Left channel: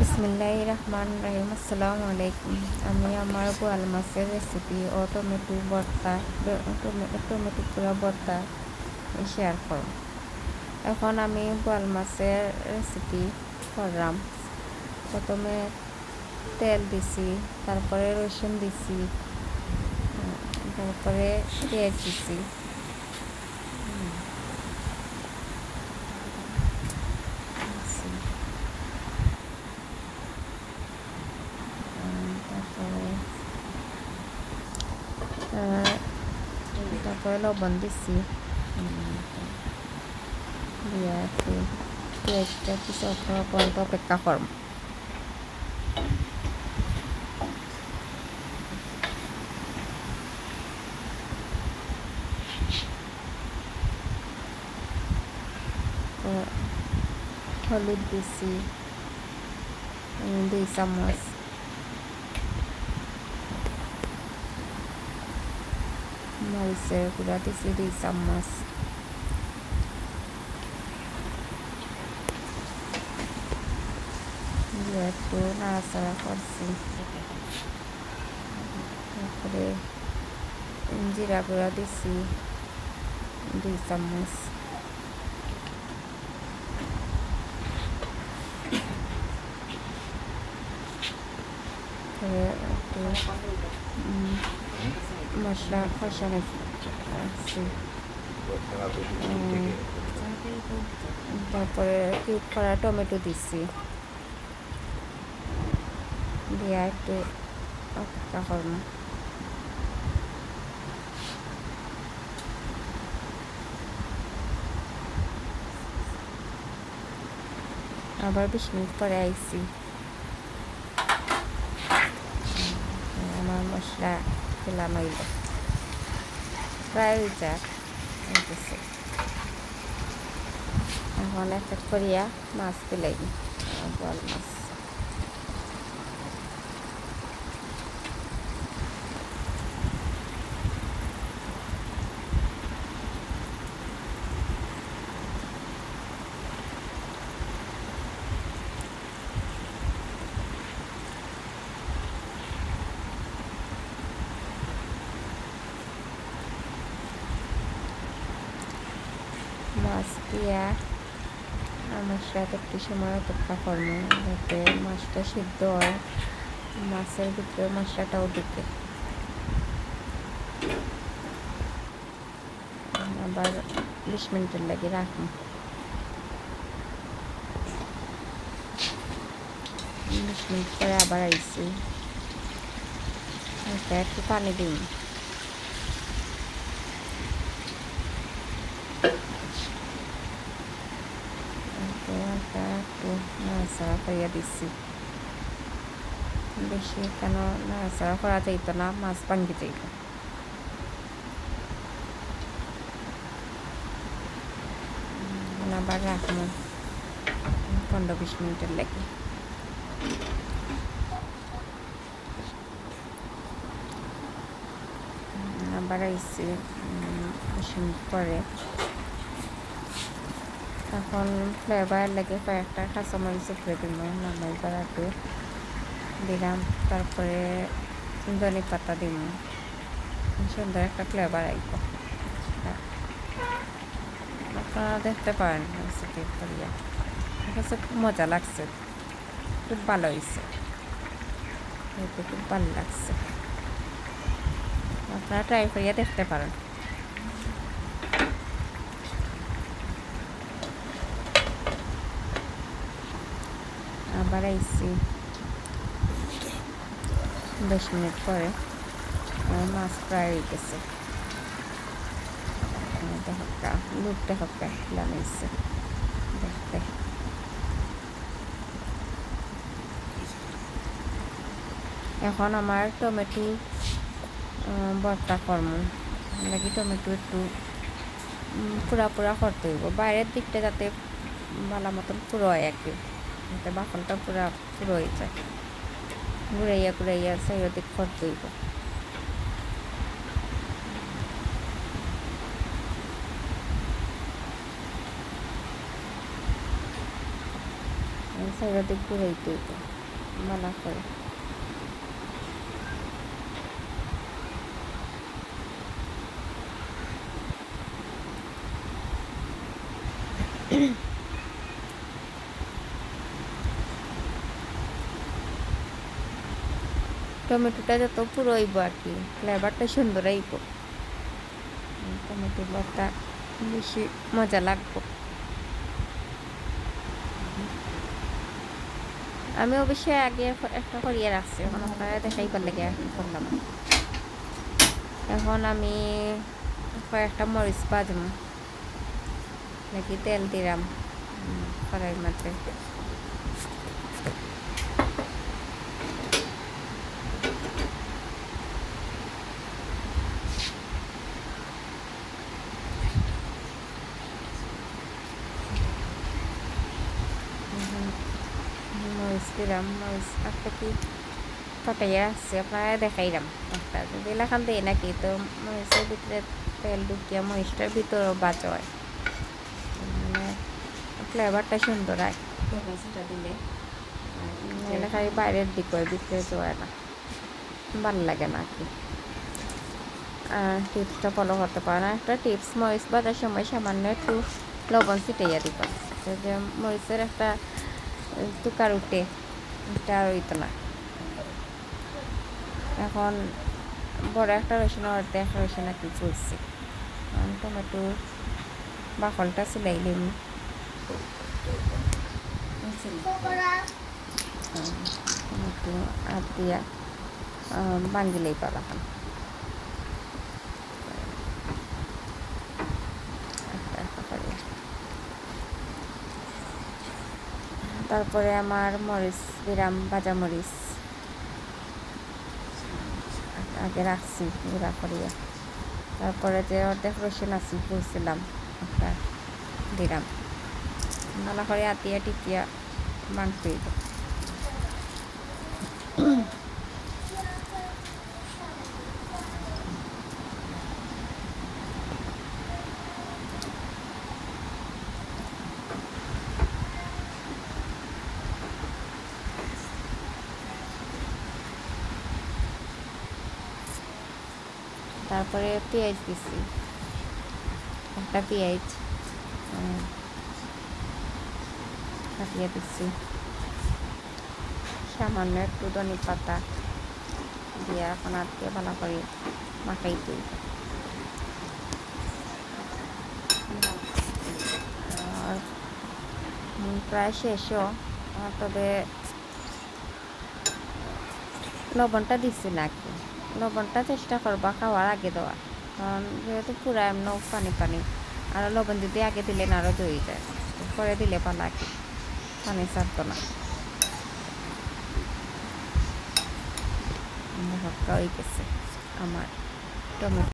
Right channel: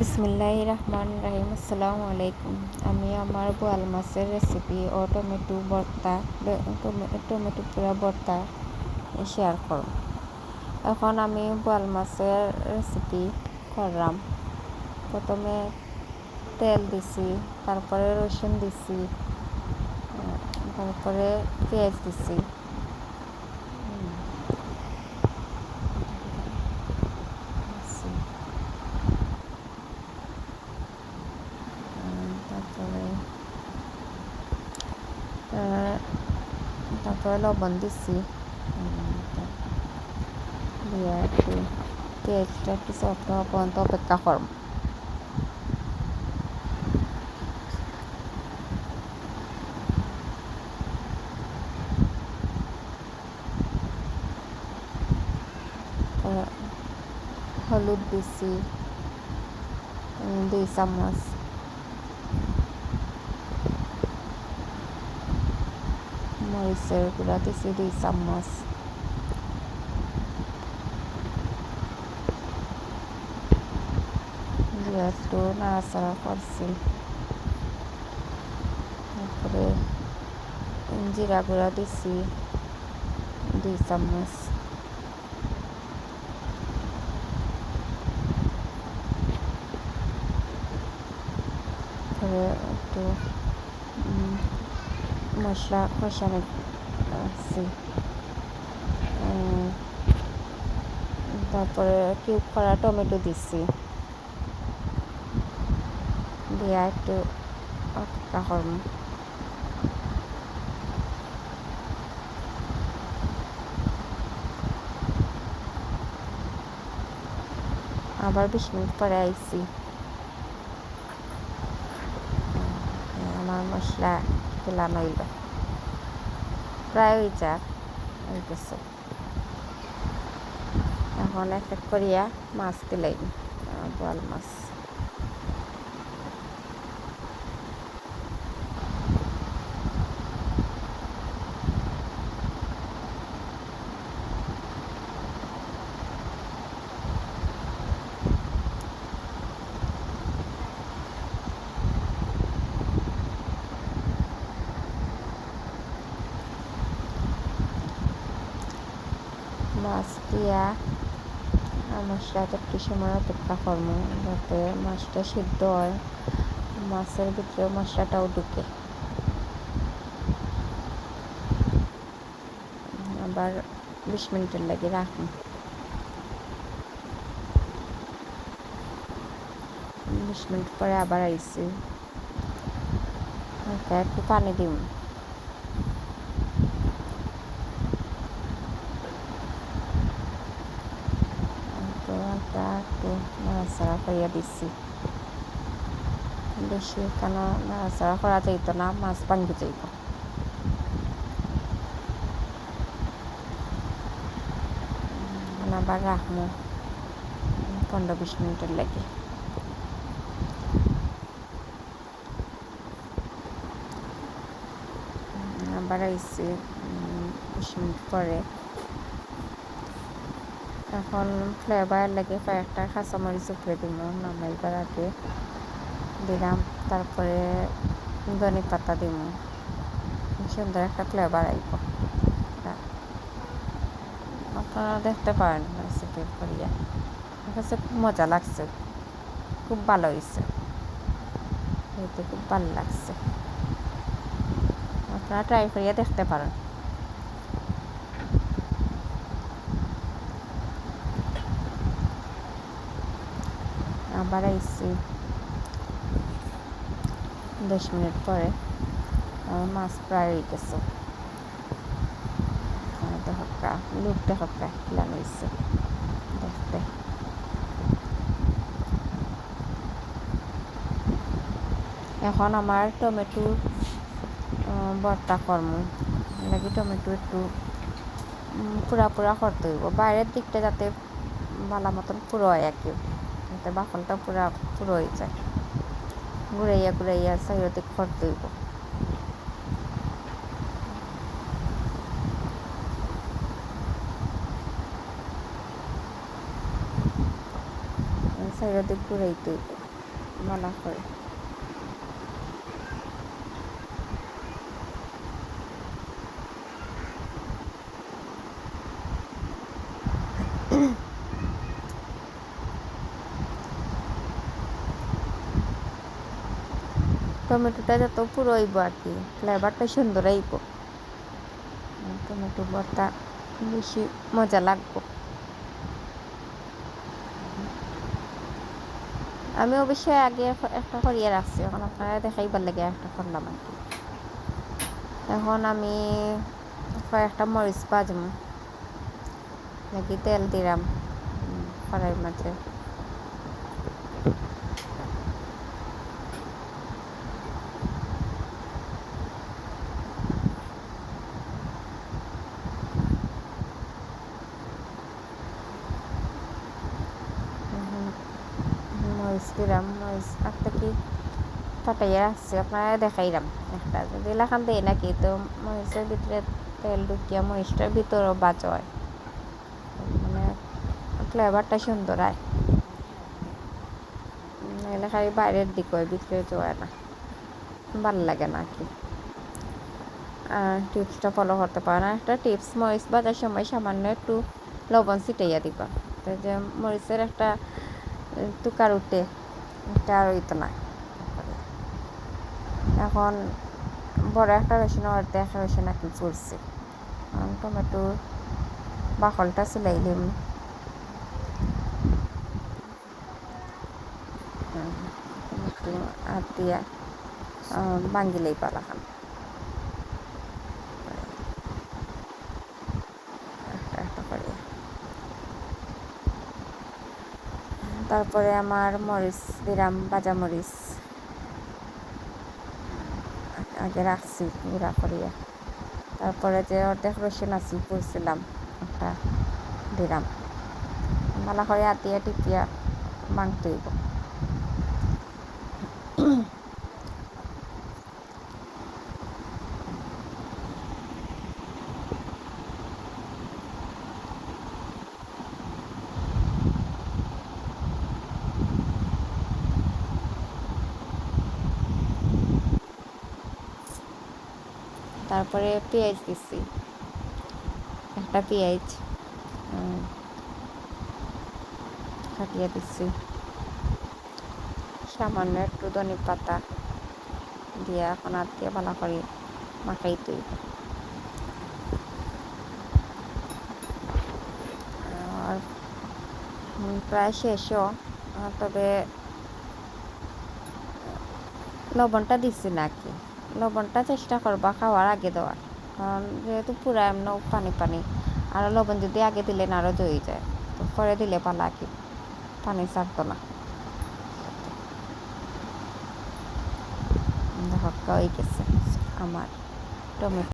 বিসমিল্লাহ রহমান রাহিম আসসালামু আলাইকুম। আমি আমার বোয়াল মাছের রেসিপি ও টমেটো ভর্তা টমেটো পুরা ভর্তা শেয়ার করব। এখন আমি বোয়াল মাছের রেসিপি করলাম। প্রথমে তেল দিছি, তারপরে রসুন দিছি তারপরে পেঁয়াজ দিছি। তারপরে লবণ দিছি। দিয়ে একটু পেঁয়াজটা একটু সফট হওয়া অপেক্ষা করব। হলুদ দিছি দুই চামচ। মরিচের গুঁড়া দিছি দুই চামচ একটু নাড়াচাড়া করছি তারপরে জিরা গুঁড়া দিছি দুই চামচ তারপরে একটু মশলা কষানো আছে। তারপরে কিউব করা টমেটো দিচ্ছি। দিয়ে একটু অপেক্ষা করব আবার বিশ মিনিট পরে আইসি আমার মশলা ফেলানো হইল প্রায় যাক এখন এক এক করিয়া মাছ তুলাই বোয়াল মাছ। মাছ দিয়া আমার একটু সময় অপেক্ষা করব, যাতে মাছটা সিদ্ধ হয়। মাছের ভিতরে মশলাটাও ঢুকে। আবার বিশ মিনিটের লাগে রাখুন বিশ মিনিট পরে আবার আইসি একটু পানি দিন তো হালকা একটু নাড়াচাড়া করিয়া দিচ্ছি বেশি কেন নাড়াচাড়া করা যাইত না, মাছ ভাঙ্গি যাইব। আবার রাখব পনেরো বিশ মিনিটের লাগে। আবার আইসি বিশ মিনিট পরে এখন ফ্লেভার লাগে কয়েকটা কাঁচামরিচ উপরে দিব নামাইবার আগে দিলাম, তারপরে ধনে পাতা দিব। সুন্দর একটা ফ্লেভার আইব। আপনারা দেখতে পারেন রেসিপি করিয়া আমার খুব মজা লাগছে, খুব ভালো হয়েছে এতে খুব ভালো লাগছে। আপনারা ট্রাই করিয়া দেখতে পারেন। আবার আইসি দশ মিনিট পরে। মাছ প্রায় হয়ে গেছে। দেখা লুক দেখা লাগাইছে দেখতে এখন আমার টমেটো ভর্তা কর্ম। লাগি টমেটো একটু পুরা পুরা করতে হইব। বাইরের দিকটা যাতে ভালো মতন পুরো হয় আর কি। যাতে বাকলটা পুরা পুরো হয়ে যায়। ঘুরাইয়া ঘুরাইয়া চারিদিক খড় দইব সাইডের ঘুরাই দইব মানা করে। টমেটোটা যত পুরো হইব আর কি ফ্লেভারটা সুন্দর আইব টমেটো ভর্তা বেশি মজা লাগবো আমি অবশ্যই আগে একটা করিয়ে রাখছি এখন আপনারা দেখাইবার লাগে একটা করলাম এখন আমি কয়েকটা মরিচ বাজম নাকি তেল দিলাম উম, কড়াইয়ের মাঝে এখন মরিচ দিলাম মরিচ একটা কি ফাটাইয়া রাখছি আপনারা দেখাইলাম একটা যদি লাখান দেয় নাকি তো মরিচের ভিতরে তেল ঢুকিয়া মরিচটার ভিতরেও বাজ হয় মানে ফ্লেভারটা সুন্দর হয় নাহলে খালি বাইরের দিক হয় ভিতরে যায় না ভালো লাগে না কি আর টিপসটা ফলো করতে পারে না একটা টিপস মরিচ বাজার সময় সামান্য একটু লবণ ছিটাইয়া দিবা যে মরিচের একটা তুকার উঠে এটা আর হইতো না। এখন বড় একটা রসুন অর্ধে একটা রসুন আর কি ফুলছে টমেটোর বাকলটা সিলাইলিম টমেটো আর দিয়া বাঙ্গিলেই পালা খান একটা একটা করে তারপরে আমার মরিচ, বিরাম, বাজা মরিচ। আগে রাখছি, গুঁড়া করিয়া। তারপরে যে অর্ধেক রসুন আছি, পড়ছিলাম একটা দিলাম ভালো করে আতিয়া টিপিয়া মাংস দিব তারপরে পেঁয়াজ দিছি। একটা পেঁয়াজ কাটিয়ে দিচ্ছি সামান্য একটু ধনে পাতা দিয়ে এখন আর দিয়ে ভালো করে মাখাই দিব। আর প্রায় শেষও তবে লবণটা দিচ্ছি না লবণটা চেষ্টা করবা খাওয়ার আগে দেওয়ার। কারণ যেহেতু পুরা এমন পানি পানি, আর লবণ যদি আগে দিলে না আরও জয়ে যায়। তো পরে দিলে পালা কি? পানি ছাড়তো না। দেখো হয়ে গেছে আমার টমেটো।